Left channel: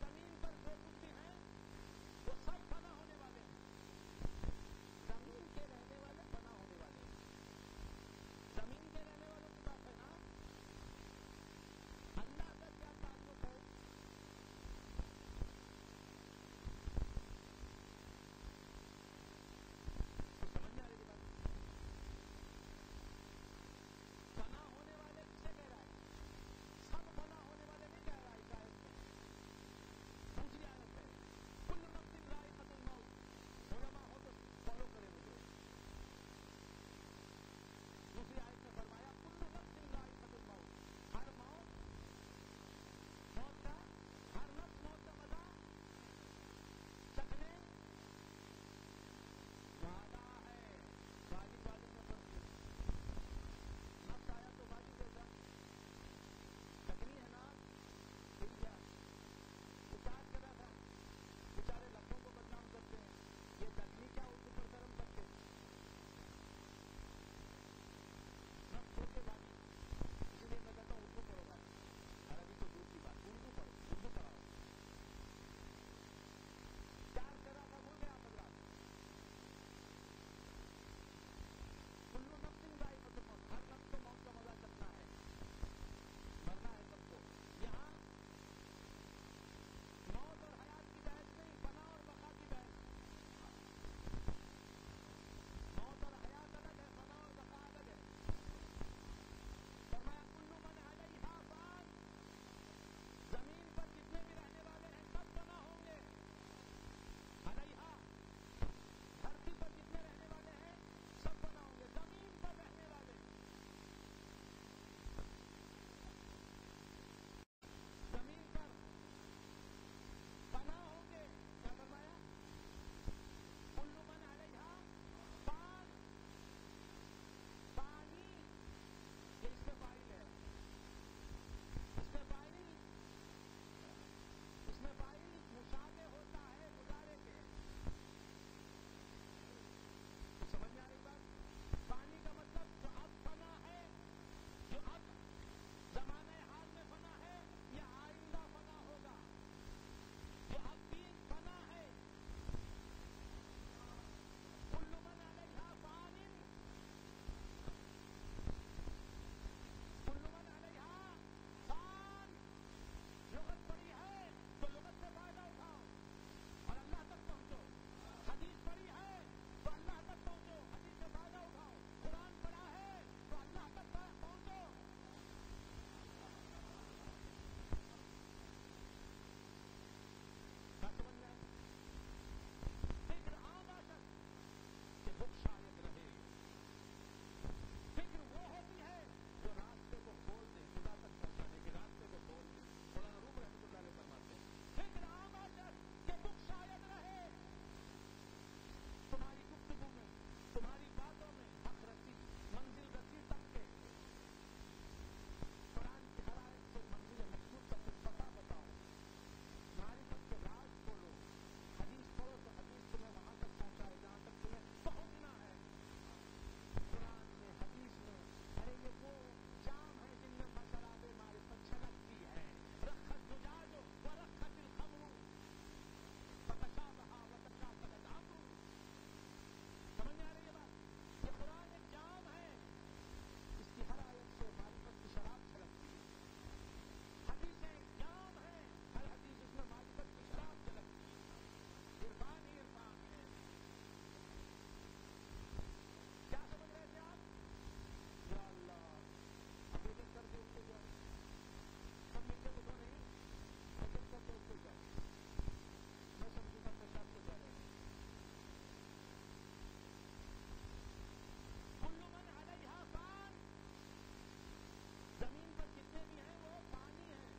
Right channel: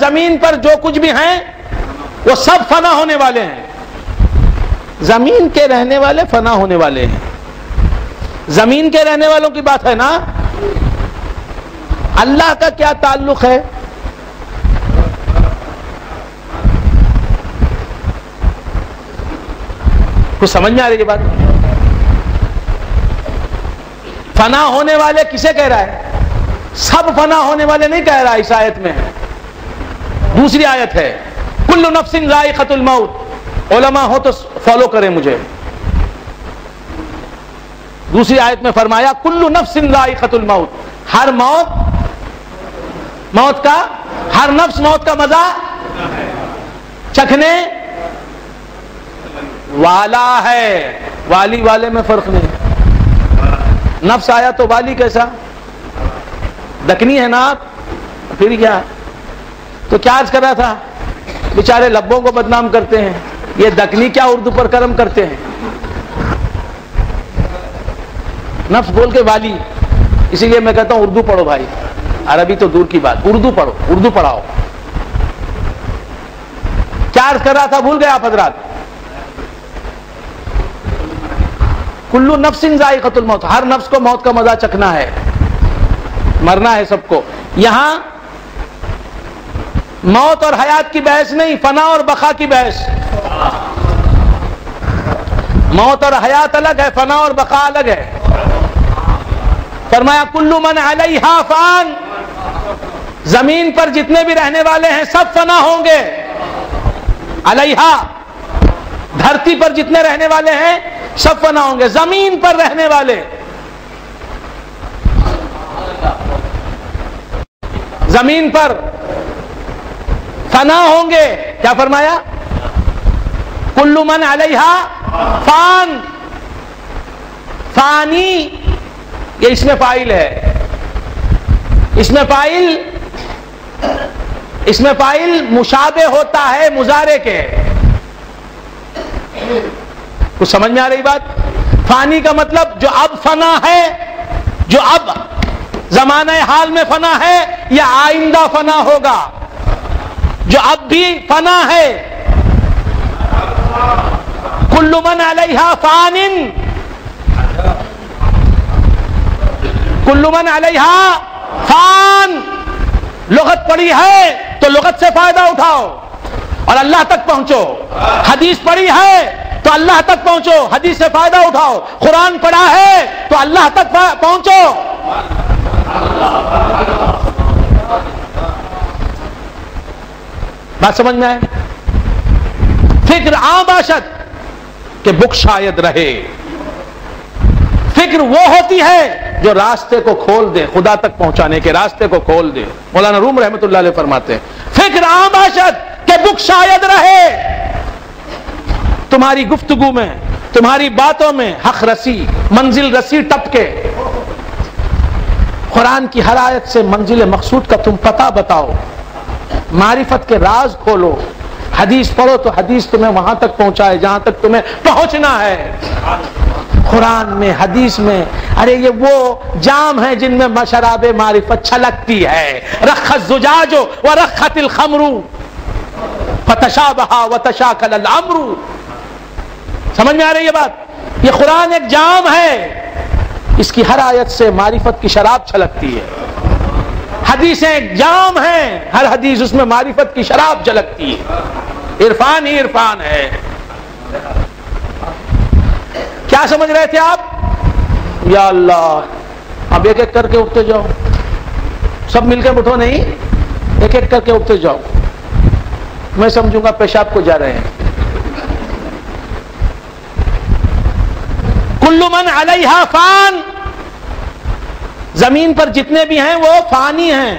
زمین پر جو کچھ بھی ہیں وہ سب فنا ہونے والے ہیں. زمین کے رہنے والے فنا ہونے والے ہیں. زمین کے رہنے والوں کی بات ہے نا. اللہ کا کیا تعلق ہے؟ کچھ سمجھ میں آ رہی ہے بات؟ فنا ہونے والے کسے کہہ رہا ہے؟ سب فنا ہونے والے نہیں کہہ رہا اس آیت میں. دوسری آیت ہے کل نفس ذائقۃ الموت. علماء ہو تو فالو کریں مجھے. دوسری آیت میں فرمایا کل نفس ذائقۃ الموت. ہر ہر نفس موت کا مزہ چکھنے والا ہے. والی والے میں فرق نہیں. نفس آیا تو والی کیسا؟ دکنی ہے نا آپ. پھر کیا؟ تو کیا عرض کر رہا تھا؟ بیچارے لبوں کو بدنام کرتے ہیں. یہ دکنی کیا اردو پر کرم کرتے ہیں. نفس بول کے والی. اسی لیے میں کہتا ہوں اردو پڑھو بھائی. عربی تو دور کی بات. اردو پڑھو, اردو پڑھاؤ. کیا عرض کر رہا تھا بھول گئے آپ حضرات؟ کلو نفس ذائقۃ الموت. ہر نفس کو موت کا مزہ چکھنا ہے, مرنا ہے سب کو. یہاں موت اور حیات کی بحث نہیں, فنا اور بقا کی بحث. موت اور حیات الگ ہے, فنا اور بقا الگ ہے. فرمایا کلو من علیہا فان. زمین پر جتنے بھی رہنے والے ہیں سب فنا ہوں گے. علیہا, دھرتی پر جتنے رہنے والے ہیں سب فنا ہوں گے. زمین پر رہنے والے, زمین پر فنا ہوں گے. کیا فرمایا؟ کل من علیہا فان. فانی یہ اس میں فاعل ہے. اس میں فاعل مشابہ ہوتا ہے مضارع کے. کچھ سمجھ میں آ رہی بات؟ فانی کا مطلب جو اب فنا ہے, جو اب زمانہ حال میں فنا ہے, یا آئندہ فنا ہوگا. جو اب بھی فنا ہے. کل من علیہا فان. کل من علیہا فان. لغت پڑھی ہے تو لغت سے فائدہ اٹھاؤ اور اللہ تک پہنچو. حدیث پڑھی ہے تو اللہ تک پہنچو, حدیث سے فائدہ اٹھاؤ. قرآن پڑھا ہے تو اللہ تک پہنچو. بات سمجھ میں آئے؟ فکر عام باشد کہ بک شاید رہے. فکر وہ ہوتی ہے جو راستے کو کھول دے, خدا تک پہنچانے کے راستے کو کھول دے. مولانا روم رحمت اللہ علیہ فرماتے ہیں فکر عام باشد کہ بک شاید رہے. تمہاری گفتگو میں, تمہاری باتوں میں حق رسی, منزل رسی ٹپکے. قرآن کی ہر آیت سے منزل مقصود کا تم پتہ بتاؤ. معرفت کے راز کھولو. حدیث پڑھو تو حدیث تمہیں وہاں تک پہنچائے جہاں تک تمہیں پہنچنا ہے. قرآن میں, حدیث میں. ارے یہ وہ جام ہیں جن میں شراب معرفت چھلکتی ہے. رخ الزجاج ورخت الخمر فتشابہ وتشاکل الامر. سمجھ میں آ رہی ہے بات؟ یہ قرآن ایک جام ہے, اس کی ہر آیت سے معرفت کی شراب چھلکتی ہے. حدیثیں ایک جام ہیں, ہر حدیث اس میں معرفت کی شراب جھلکتی ہے. عرفان ہی عرفان ہے. کیا سمجھ رہے تھے آپ؟ یا اللہ, اب ایک ایک کر کے اٹھتے جاؤ. سب مل کے اٹھو نہیں, ایک ایک کر کے اٹھتے جاؤ. میں سمجھوں گا پیشاب کو جا رہے ہیں. کل من علیہا فان. زمین پر جتنے بھی ہیں وہ فانی ہیں,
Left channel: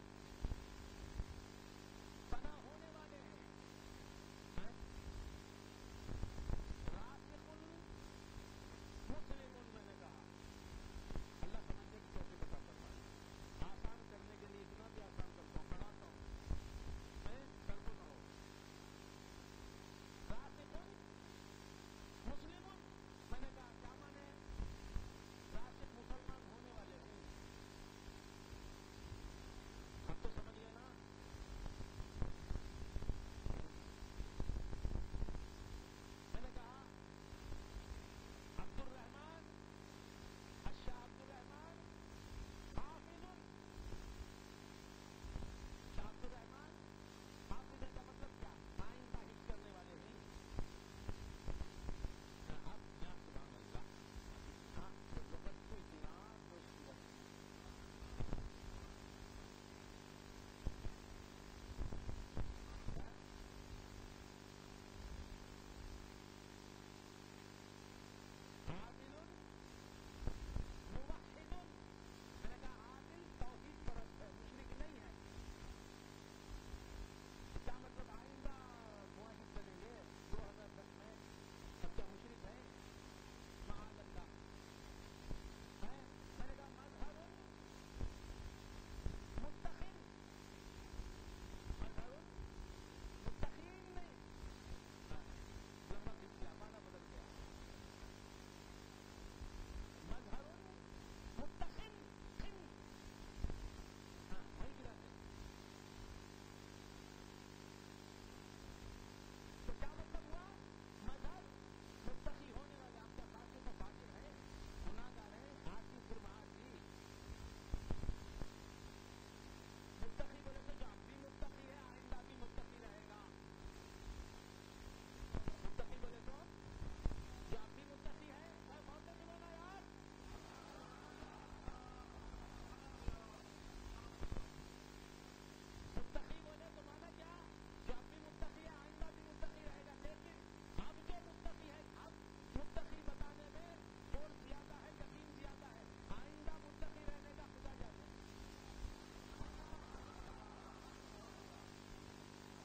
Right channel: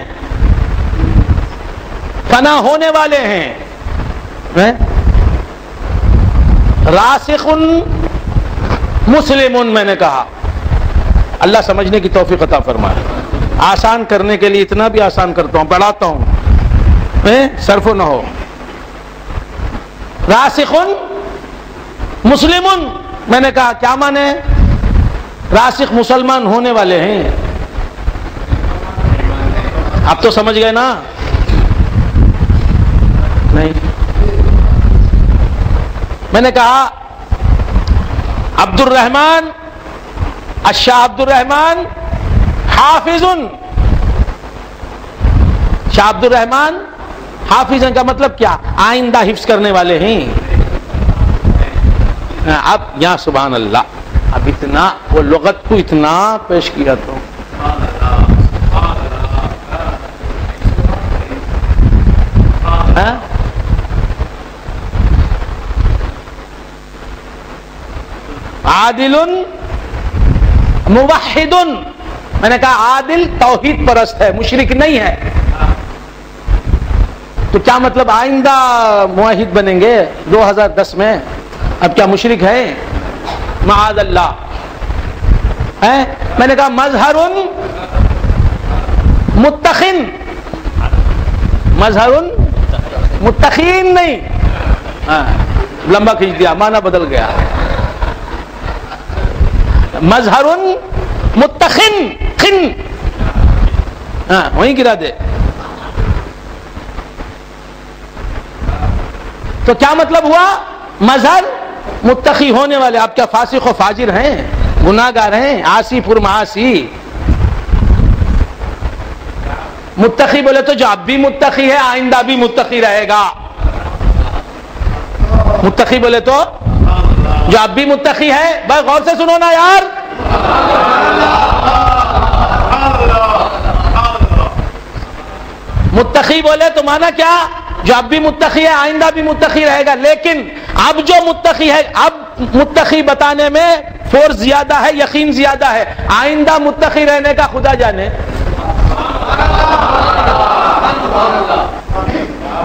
فنا ہونے والے ہیں. راسخ مسلم. میں نے کہا اللہ سمجھنے کی توفیق عطا فرمائے. آسان کرنے کے لیے اتنا بھی آسان کرتا ہوں, پڑھاتا ہوں, صرف نہ ہو. راسخ مسلم. میں نے کہا کیا مانے؟ راسخ مسلمان ہونے والے ہیں. اب تو سمجھ گئے نا. نہیں. میں نے کہا عبد الرحمن الشاہ عبد الرحمن حافظ. شاہ عبد الرحمن حافظ کا مطلب کیا؟ آئندہ حفظ کرنے والے ہیں. اب یا سبحان اللہ، اب اتنا وہ لغت کو اتنا پیش کیا تو عادل موحد. میں نے کہا عادل توحید پرست ہے، مشرک نہیں ہے. تو کیا مطلب آئندہ موحد بنیں گے 2010 میں؟ اب کیا مشرک ہے؟ معاذ اللہ. میں نے کہا مظہر متخن. مظہر متخین نہیں، لمبا کھینچ دیا، معنی بدل گیا. مظہر متخن، خن وہیں گرا دے. تو کیا مطلب ہوا؟ مظہر متقی ہونے والے. آپ کیا فاسق و فاجر ہیں، گناہگار ہیں، عاصی پر معاصی؟ متقی بولے تو جو اب بھی متقی ہے آئندہ بھی متقی رہے گا. متقی بولے تو جو اب بھی متقی ہے. بھائی غور سے سنو نا یار. متقی بولے تو مانا کیا؟ جو اب بھی متقی ہے آئندہ بھی متقی رہے گا. لیکن اب جو متقی ہے، اب متقی بتانے میں فورس زیادہ ہے، یقین زیادہ ہے. آئندہ متقی رہنے کا خدا جانے.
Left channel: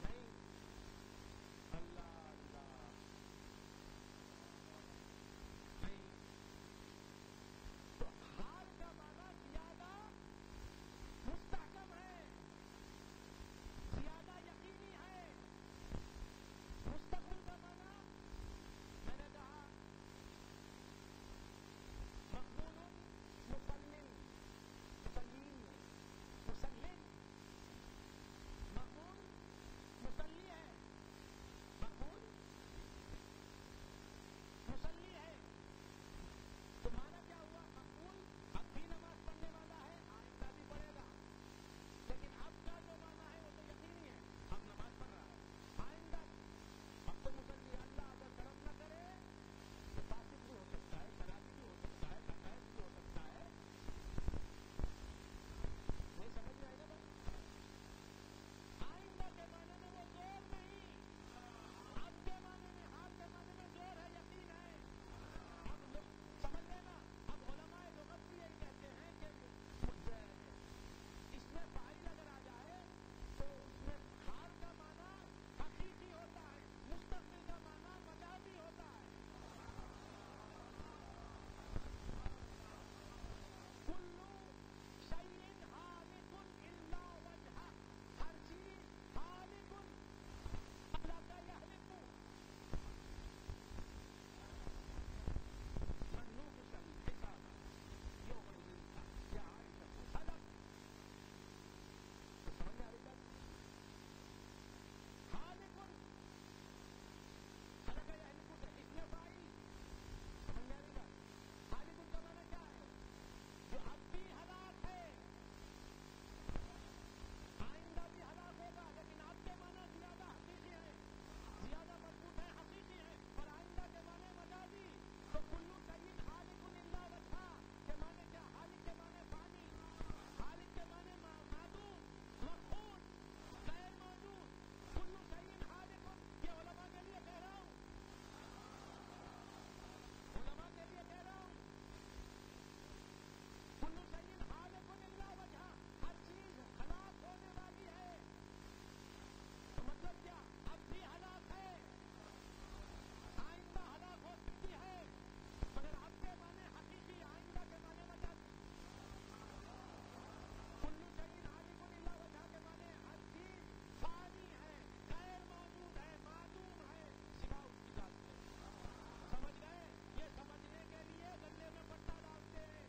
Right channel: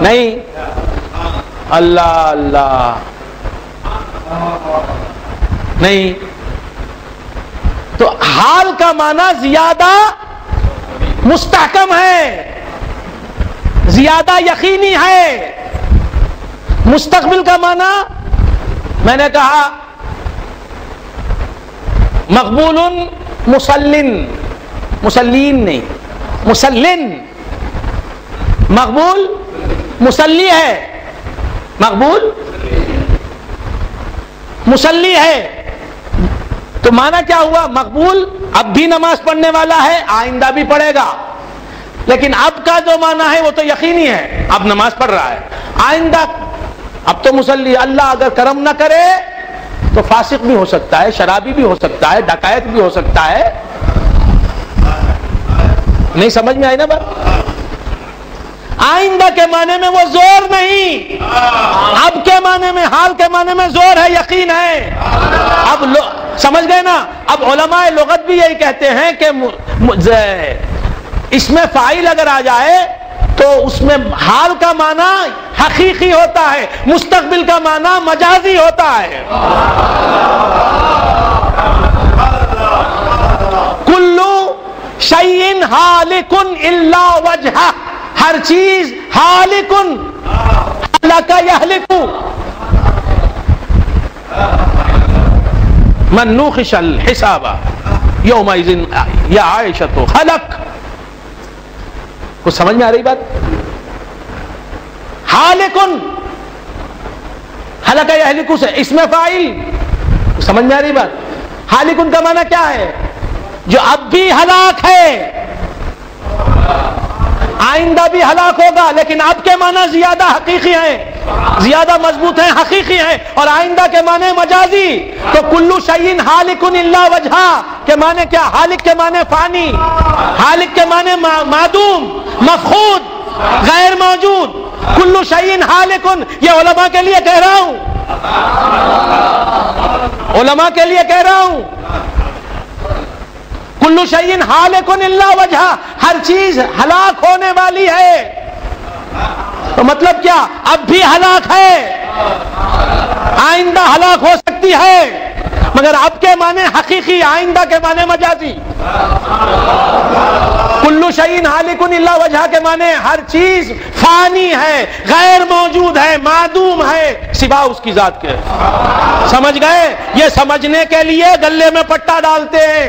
نہیں، اللہ اللہ نہیں. تو حال کا معنی زیادہ مستحکم ہے، زیادہ یقینی ہے. مستقبل کا معنی میں نے کہا مقبول مسلن. مسلین نہیں، مسلن. مقبول مسلی ہے، مقبول مسلی ہے. تو معنی کیا ہوا؟ مقبول اب بھی نماز پڑھنے والا ہے، آئندہ بھی پڑھے گا. لیکن اب کا جو معنی ہے وہ تو یقینی ہے، اب نماز پڑھ رہا ہے. آئندہ اب تو مسلی. اللہ اگر کرم نہ کرے تو فاسق بھی ہو سکتا ہے، شرابی بھی ہو سکتا ہے، ڈکیت بھی ہو سکتا ہے. نہیں سمجھ میں آئی نا بات؟ آئندہ کے معنی میں وہ زور نہیں، اب کے معنی میں، حال کے معنی میں زور ہے، یقین ہے. اب سمجھ گئے نا؟ اب علماء لغت بھی یہی کہتے ہیں کہ اس میں فاعل اگر آ جائے تو اس میں حال کا معنی حقیقی ہوتا ہے، مستقبل کا معنی مجازی ہوتا ہے. کلو شیء ہالک الا وجہہ. ہر چیز ہالک، ہلک یہلک. من نوخش الحساب یومئذ یا عائشۃ ہلک. کچھ سمجھ میں آ رہی بات؟ ہالکن، ہلک یہلک سے اس میں فاعل. سمجھ میں آ رہی بات؟ ہالکن کا معنی کیا ہے؟ جو اب بھی ہلاک ہے، آئندہ بھی ہلاک ہوگا. لیکن اب کے معنی زیادہ حقیقی ہیں، زیادہ مضبوط ہیں، حقیقی ہیں. اور آئندہ کے معنی مجازی. تو کلو شیء ہالک الا وجہہ کے معنی کیا؟ ہالک کے معنی فانی، ہالک کے معنی معدوم، مفقود، غیر موجود. کلو شیء ہالک، یہ علماء کے لیے کہہ رہا ہوں، علماء کے لیے کہہ رہا ہوں. کلو شیء ہالک الا وجہہ، ہر چیز ہلاک ہونے والی ہے. تو مطلب کیا؟ اب بھی ہلاک ہے، آئندہ ہلاک ہو سکتی ہے. مگر اب کے معنی حقیقی، آئندہ کے معنی مجازی. کلو شیء ہالک الا وجہہ کے معنی ہر چیز فانی ہے، غیر موجود ہے، معدوم ہے سوا اس کی ذات کے. سمجھ گئے؟ یہ سمجھنے کے لیے گلے میں پٹا ڈالتے ہیں.